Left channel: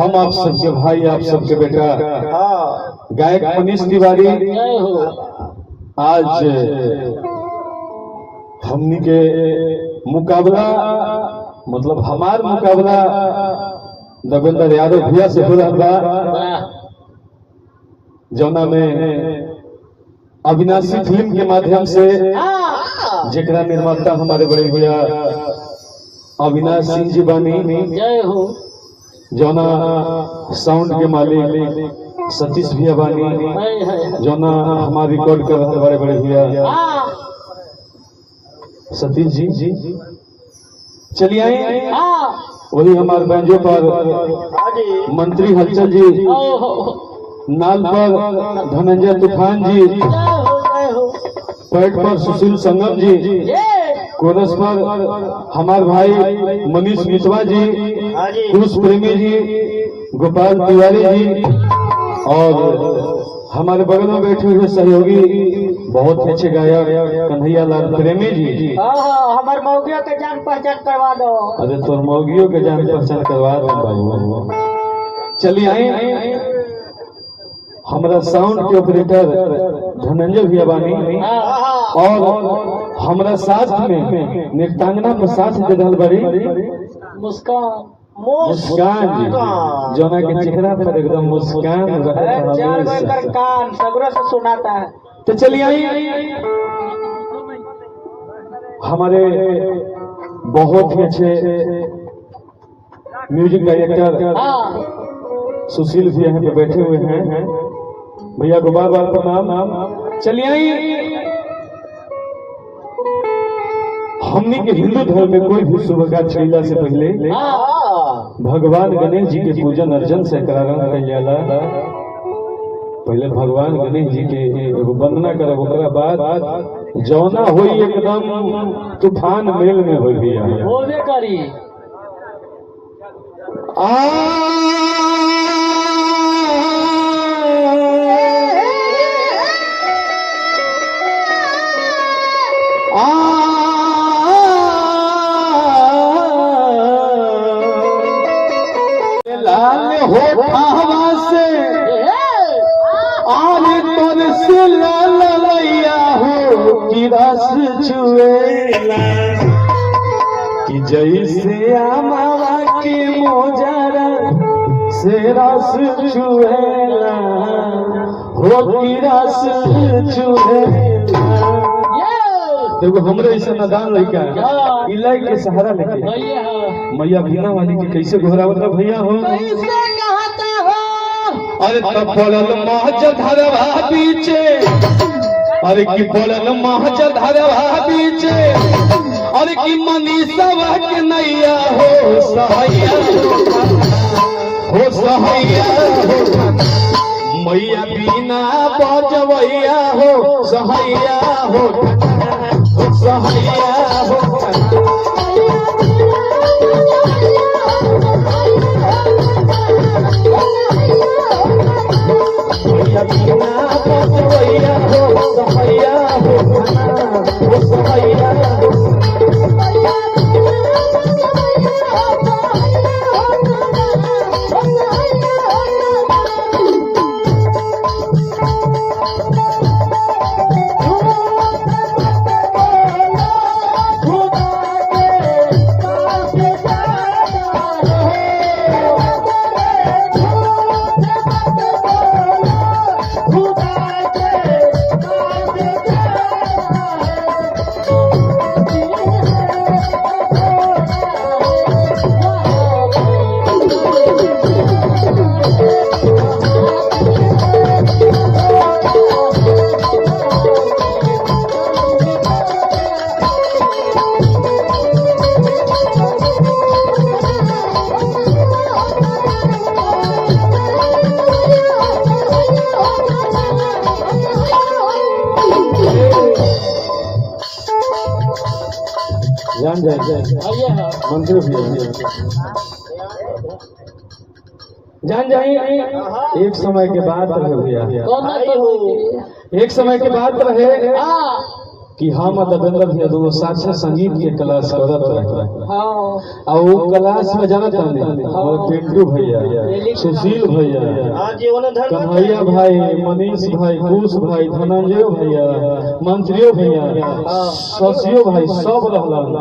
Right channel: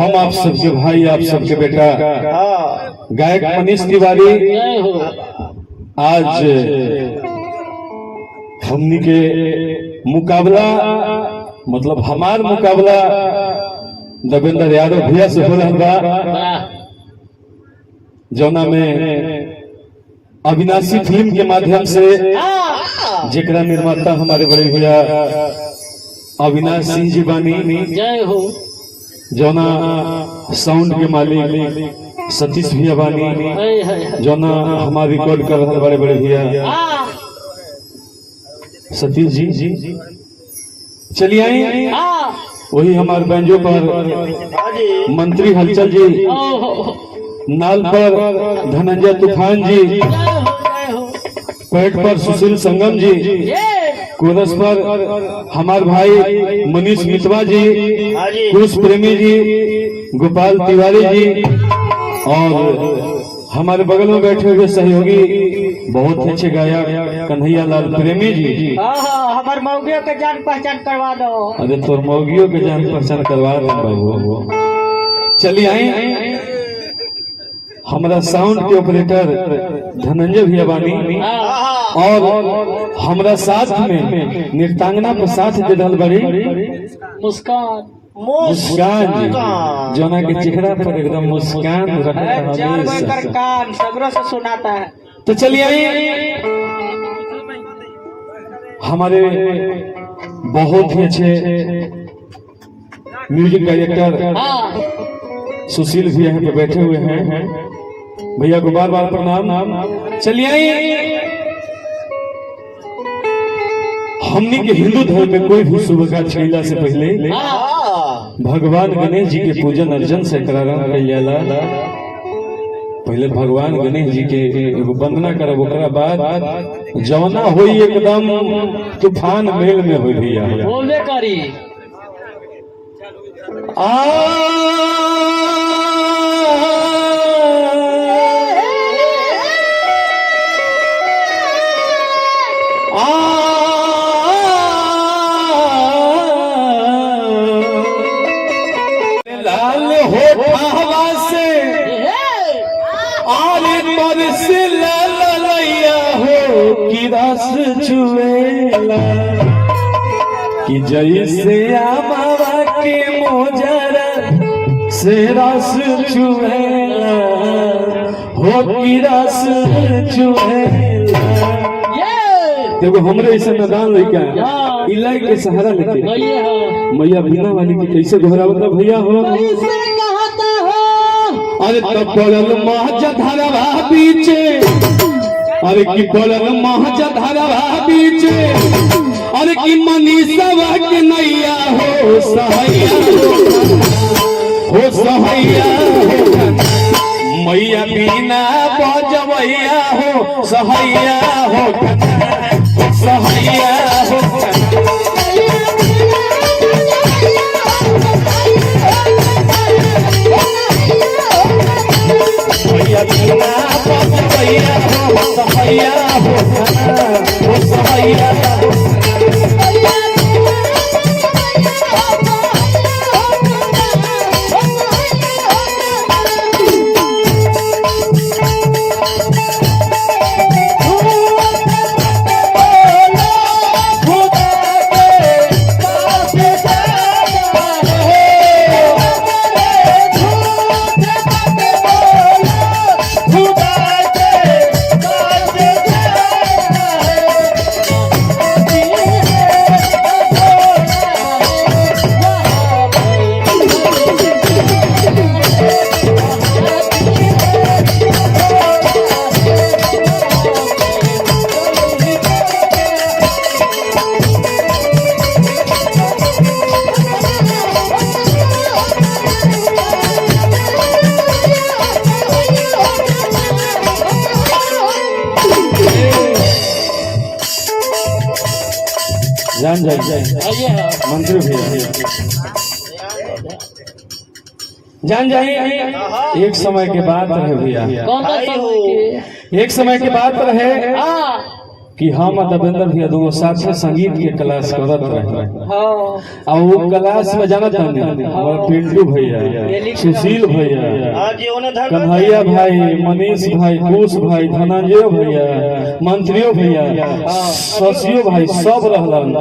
हम आप सबके भाई, आप सबके बेटा गायक मनीष तिवारी आज हमनी के मुकाबला मतलब हमार मुकाबला देवेंद्र यादव भैया से हो रहा बा, जौना में अविनाशी फिल्म के माध्यम से जेकरा निर्माता हमारे बड़े भैया अविनाश सिंह जी बानी, जय हो। जौना साउंड के मालिक सतीश भैया बानी, जौना हमारे रिकॉर्ड कर रहे बड़े बड़े भैया सतीश जी। चलिए आई वही हमारे बैंजो पर मंत्री हलचल जी, नाल पर धनंजय तूफान जी, पैट पर सुशील संगम जी, कोरस पर हमारे भाई मनीष मितवा जी, कुश प्रेमी जी, गोपाल तिवारी जी और हमारे बगल में बैठे हुए सहयोगी बहुत अच्छे गायक कन्हैया लाल प्रेमी जी। हमारे मौगियों के जान पहचान करवा दो। अरे तो मौगियों के जान पहचान करवा दो। चलिए आई हमारा साउंड के ऑपरेटर धनंजय भैया बानी और हमारा साथ में नृत्यांगना पर साथ दे रहल बड़ी मुस्कान जी, जोना के चेहरा पर एकदम मुस्कान कान सगरों से सुनाता है। तो चलिए आई हमारे बहुत ही अच्छे म्यूजिक डायरेक्टर सुशील भी यहाँ पे बैठे हुए हैं, भैया को बार बार प्रणाम। चलिए आई हमनी के हिंदू धर्म में कोई भी शुभ कार्य छैला से पहले भगवान गणेश जी के पूजन अर्चन से करारन जाला। पहले भगवान गणेश जी के एगो वंदना करब, ओकरा बाद जवना होई एकदम तूफान मेल में होई भैया बोले करी लाल होठवा से आले तर से ललैया हो कि रस चुएला कि जैसे आमावा के मोजरा से रस चुएला हो कि रस चुएला। देखो हमरा ऐसा नदान लइका इलाई के सहारा लेके मैया बिना वाली के कैसे घोरावत भैया हो, अरे तब पड़ल महज धरवा बीचे, अरे की पड़ल महज धरवा बीचे, अरे की मनीषवा के नैया हो सहैया हो मैया बिना बजबैया हो सहैया हो सहैया हो मैया बिना बजबैया हो सहैया हो सहैया हो। जान मंत्री भैया जान जाए एक समय के बाद रहे भैया, एक समय के बाद रहे कि हम और देवेंद्र भैया दोनों साथ में संगीत के क्लास करत रहे हाँ और वो क्लास में जाना था हमारा पिंटू भैया, सुशील भैया, कन्हैया भाई, मनीष भाई, कुश भाई, धनंजय भैया, मंत्रियों भैया, शशियो भाई सब रहलन।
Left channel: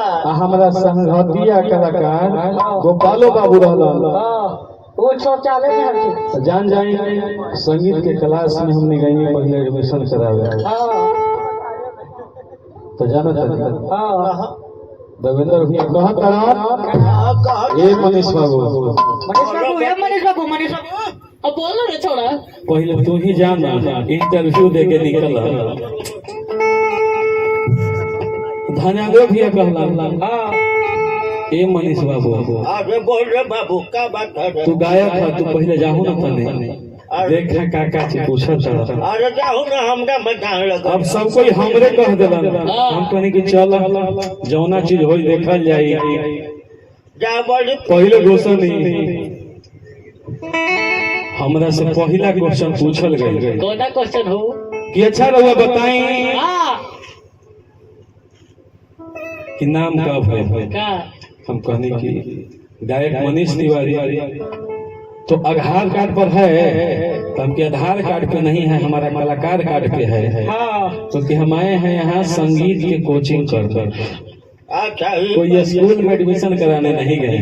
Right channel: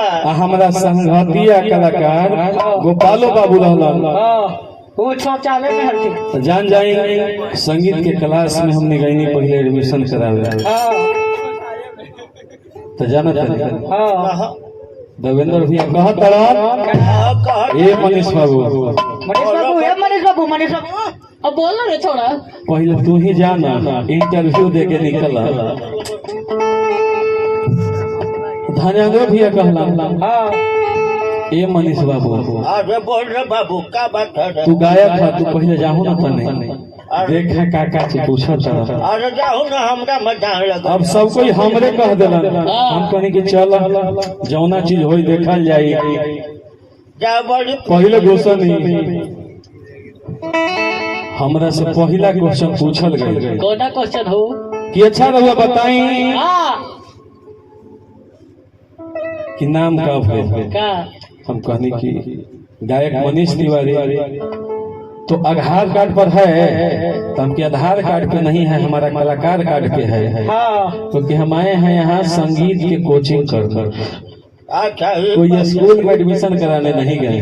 आ हमरा संघातिया कलाकार गोपालो बाबू रहलन। वो शौचालय में हरती। तो जान जाए संगीत के क्लास में हमने गई पहले एडमिशन करावे तो जाना था देवेंद्र भैया कहा तरह ए मनीष बाबू मनीष बाबू अब बोल रहे थोड़ा पहले तू ही जाना इंटरव्यू दे के निकला धन्यवाद भैया कहला ए मनीष बाबू बोल रहे बाबू का बात है? तू गायक है तू पहले जाहू ना तने देख काका जी पूछत अरे जाओ ना हमरा मजाक लगा। अब सब कोई हमरे कह देलन हम कहनी कि चल जौना चीज होई देखल जाई जा बोली पहले क्वेश्चन नहीं हमरा से पहला क्वेश्चन पूछल गई कौन क्वेश्चन हो कि अच्छा रहुआ बताई कि नाम का है का हम कहनी कि गायक मनीष तिवारी तो आधार कार्ड पर है तो हमके आधार कार्ड पे नहीं है हमारा कलाकार कार्ड पे है क्योंकि हम आए हैं यहाँ संगीत की कोचिंग कर अच्छा कोई स्कूल में एडमिशन कराने नहीं गए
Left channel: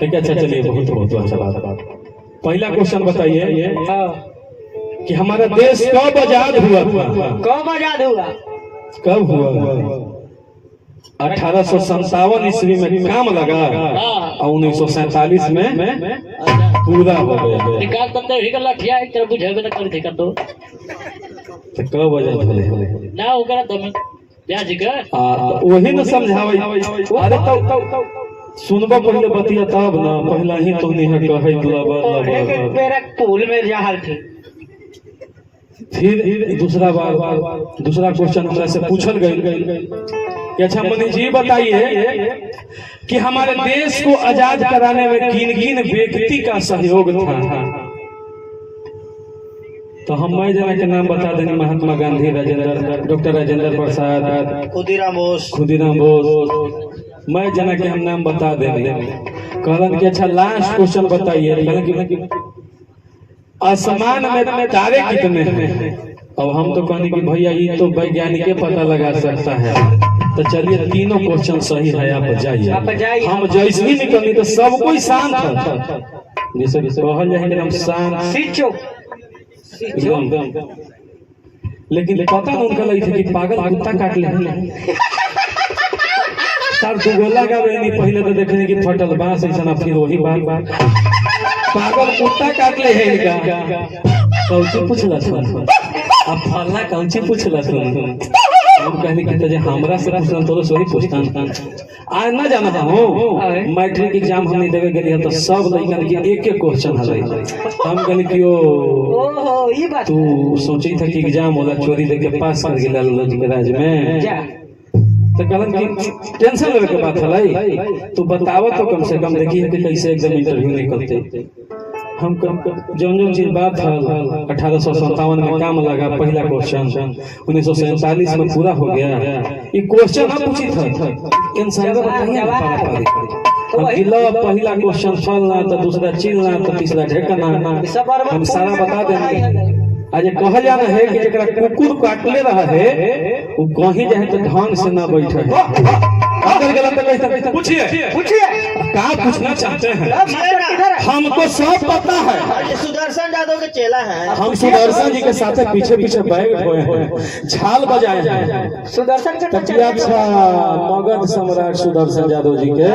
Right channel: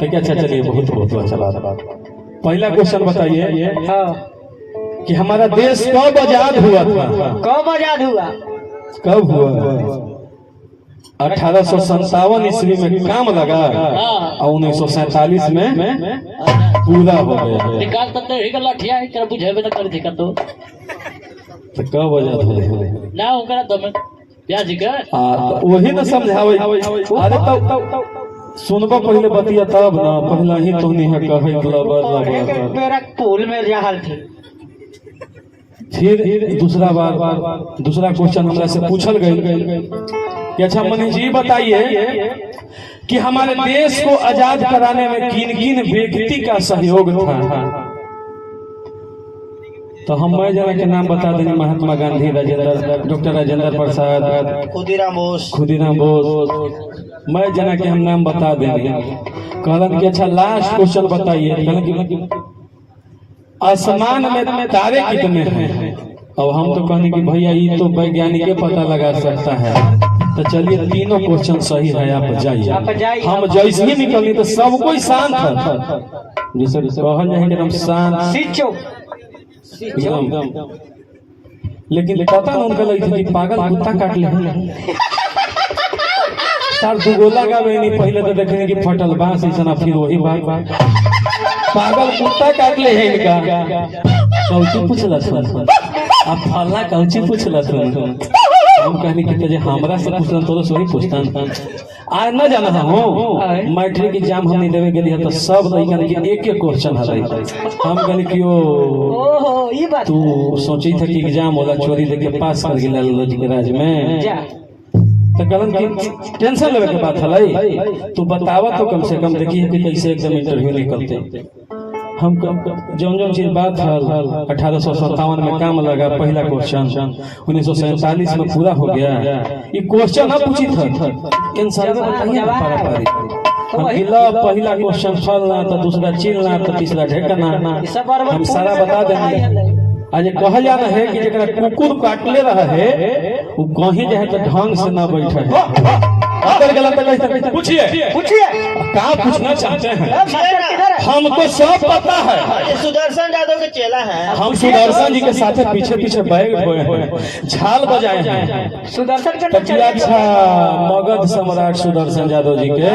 ठीक है। अच्छा चलिए बहुत बहुत अच्छा बात। पहला क्वेश्चन बताइए कि हमारा देश कब आजाद हुआ था? कब आजाद हुआ? कब हुआ? 1857 ईस्वी में काम लगा और 1947 में पूरा हो गया। निकाल तो नहीं गला ठिया है तेरा बुझे में कर दे कर दो तो कब आजाद हुए ना हो गया तो मैं ब्याज का वही न समझावे। अरे तो सुनबो पहले बतिया तब ना पहला ही तुमने है कहे एक मेरा पुल में जहाल थी। फिर दूसरा क्वेश्चन हमरा से पूछल गई कि अच्छा मनीष जी बताइए कि हमारे देश को आजाद कराने में किन किन व्यक्ति का सहयोग था? तो हम मैं जना के नाम बता देंगे महात्मा गांधी, डॉक्टर राजेंद्र प्रसाद, खुदीराम बोस, मैं जना के हम नाम बता देंगे। कहलन कि अच्छा लास्ट क्वेश्चन बताइए। कहलन कि आसमान में तारे कितने हैं? अब हम तो कहने कि भैया ये तो वैज्ञानिक पता लगा सकता है। तो चलिए तीनों क्वेश्चन सही है आप जाइए। हम जैसे ही निकली तो सब कोई शांत था जैसे कहल जाए कि हम शांत एकदम। लेकिन पता ना उनका लगी थी कि पागल कुत्ता काट ले तार दुगोला गावे नहीं पहले तो देखने की फटल बांस ऐसा फिर वही बात पागल कुत्ता काट ले है इनका। कौची पूछला सुन आप फल्ला कौची पूछला सुन हम कहने की तजे हमरा से पूछना तो वही पूछता आज न जाना था हो मैट्रिक एग्जाम हमने देवे गेली है तो सब लइकन के एक एक क्वेश्चन है। हम कहने कि ओ ये बात तू सोची था कि एग्जाम होला चोरी देके पास कर गेला लॉजी के राज में तो कहलन कि टेंशन लेवे के बात है तू बतावा तो कम से कम देखिए कि कैसे एकदम इंटरव्यू निकलते। हम जौन चीज बात है 1857 में काम लगा पहला क्वेश्चन 1947 में पूरा हो गया। ये क्वेश्चन आप पूछी था इंसान को बताइए ना पहला क्वेश्चन फलना तो दूसरा चिलना तो तीसरा ढेकना हम सारा बता देंगे। आज कहा जाना है कि जरा कुकुर काटले रहा है वो कहीं जाए तो ढंग से न बैठे अगर गलत कैसे पूछिए क्या पूछना चाहते हैं? हम तो सब पता है। सुदर्शन यादव के चेला है। हम सुदर्शन जी के साथ पीछे पीछे बैठ हुए हैं झाल बजाए हैं सुदर्शन अच्छा मगध सम्राट सुदर्शन यादव जी के।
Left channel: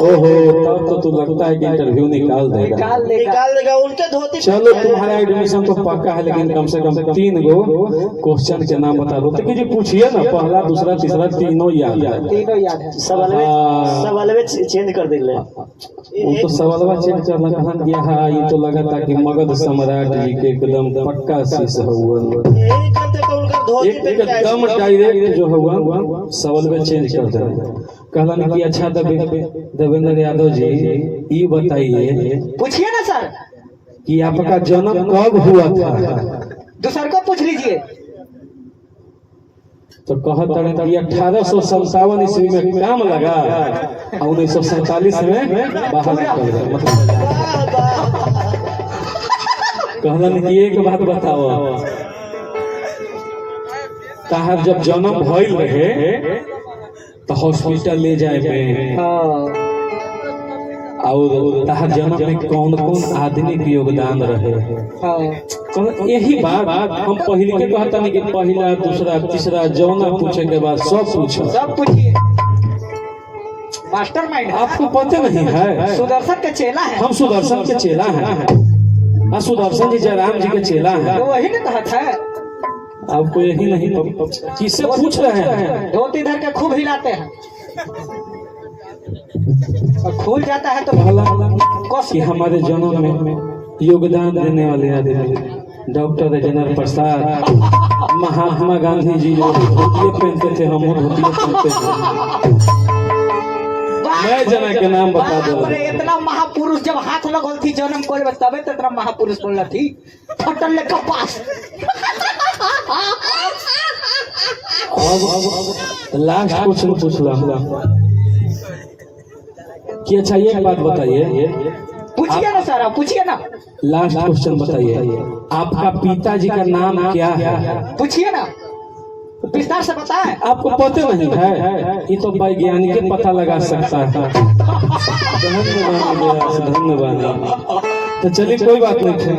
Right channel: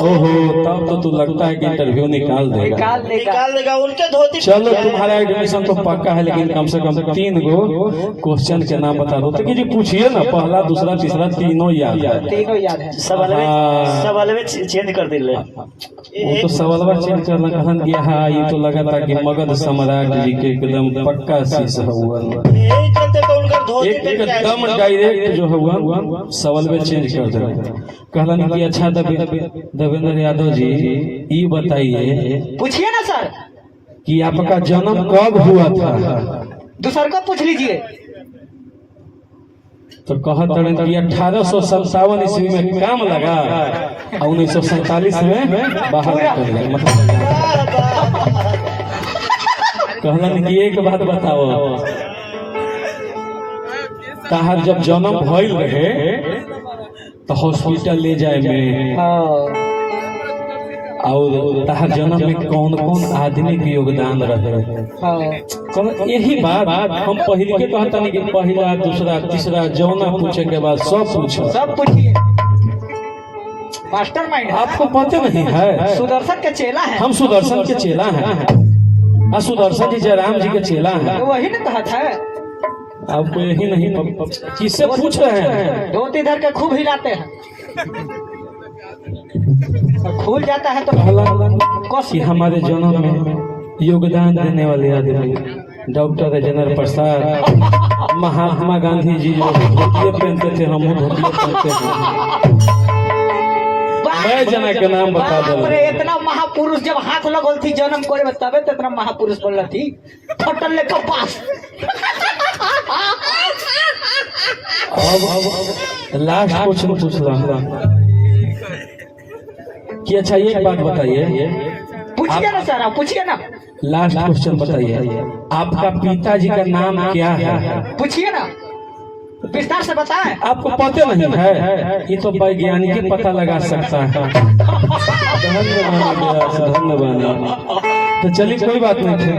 ओहो तब तो तू लगता है कि इंटरव्यू निकाल देगा उनके धोती। चलो तुम्हारे एडमिशन तो पक्का है लेकिन कम से कम 3 गो क्वेश्चन के नाम बता दो। तो जी पूछिए ना पहला दूसरा तीसरा तीनों याद है। सवाल चेंज कर दिले वो तो सवालवा चेंज करना कहन कि हाँ ये तो लगा था कि मगध सम्राट जी के एकदम पक्का शीश हुआ एकदम डायरेक्ट जो हुआ सवाल में चेंज कर देगा। कहलन कि अच्छा देवेंद्र यादव जी ये बताइए पूछिए ना सर कि आपका जन्म कब हुआ था? दूसर का पूछ लीजिए। तो कहत रहे कि 1857 ईस्वी में काम लगा और 1947 में बाहर निकल गया। कहलन कि एक बात बताओ, कहा जब जन्म भइल रहे तो हॉस्पिटल ले जाए में और तहार जन्म में कौन कौन आदमी के योगदान रहे। यही बात हम पहले के कहता नहीं कि पहला दूसरा तीसरा जौना पूछे के बाद सब पूछो, सब पूछिए। मास्टरमाइंड आपको पता नहीं है, सुदर्शन का चेला है। हम सुदर्शन के चेला हैं और सुदर्शन जी जयराम जी के चेला हैं। तो वही ना कहा था, आपको यही नहीं किससे पूछ रहे हैं? धोती इधर के खूब हिलाते हैं और खुल जाता है तो कस कि हमारे जन्म में योगदान देने वाले आदमी डॉक्टर राजेंद्र प्रसाद, महात्मा गांधी जी जो धोतिया पहनते थे, हम धोतिया पहनते थे। मैं जना के नाम बता दो। इतना महापुरुष जब हाथ लगल थी जन्म करे तबे तो इतना महापुरुष बनल थी। फटल ले कपास। अब लास्ट क्वेश्चन पूछला कि अच्छा ये बात बताइए, पूछिए ना सर, आप पूछिए ना। लास्ट क्वेश्चन बताइए, आपका पिताजी का नाम क्या है? पूछिए ना, विस्तार से बताएं। आपको पता नहीं है? ये तो वैज्ञानिक पता लगा सकता है। धन्यवाद। तो चलिए कोई बात नहीं।